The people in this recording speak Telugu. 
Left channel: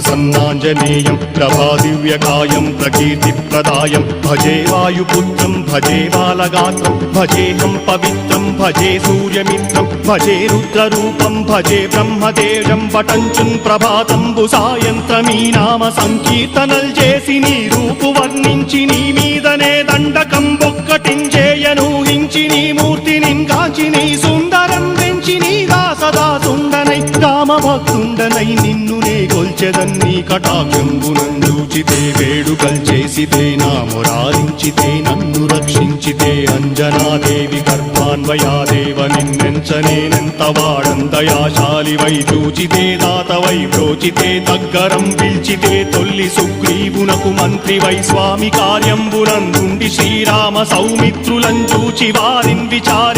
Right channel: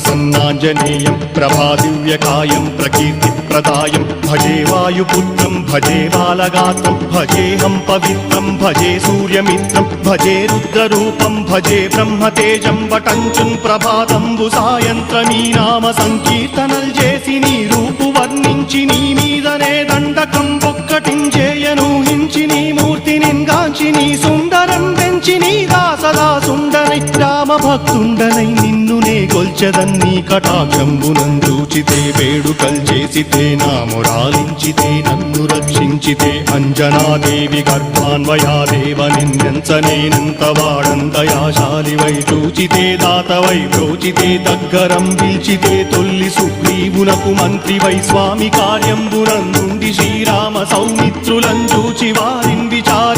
ప్రసన్నాంజనేయం ప్రభాదివ్యకాయం ప్రకీర్తిప్రదాయం భజే వాయుపుత్రం భజే బాలగాత్రం భజేహం పవిత్రం భజే సూర్యమిత్రం భజే రుద్రరూపం భజే బ్రహ్మదేవం వటంచుం ప్రభాతంబు సాయంత్రమీ నామ సంకీర్తనల్ చేసి నీ రూపు వర్ణించి నీ మీదనే దండకం ఒక్కటించేయనూహించి నీ మూర్తిని కాంచి నీ సుందరం పెంచి నీ సదా సుందరై రామభక్తుండనై నిన్నునే కొల్చెదన్నీ కటాక్షంబునందూచితే వేడుకల్ చేసితే నా మురారించితే నన్ను రక్షించితే అంజనాదేవి గర్భాన్వయాదేవనెంచనేనంత వాడంతయాశాలివై చూచితే దాతవై బ్రోచితే దగ్గరం పిల్చితే తొల్లి సుగ్రీవునకు మంత్రివై స్వామి కార్యంబునందుండి శ్రీరామ సౌమిత్రులం చూచి వారిన్ విచారి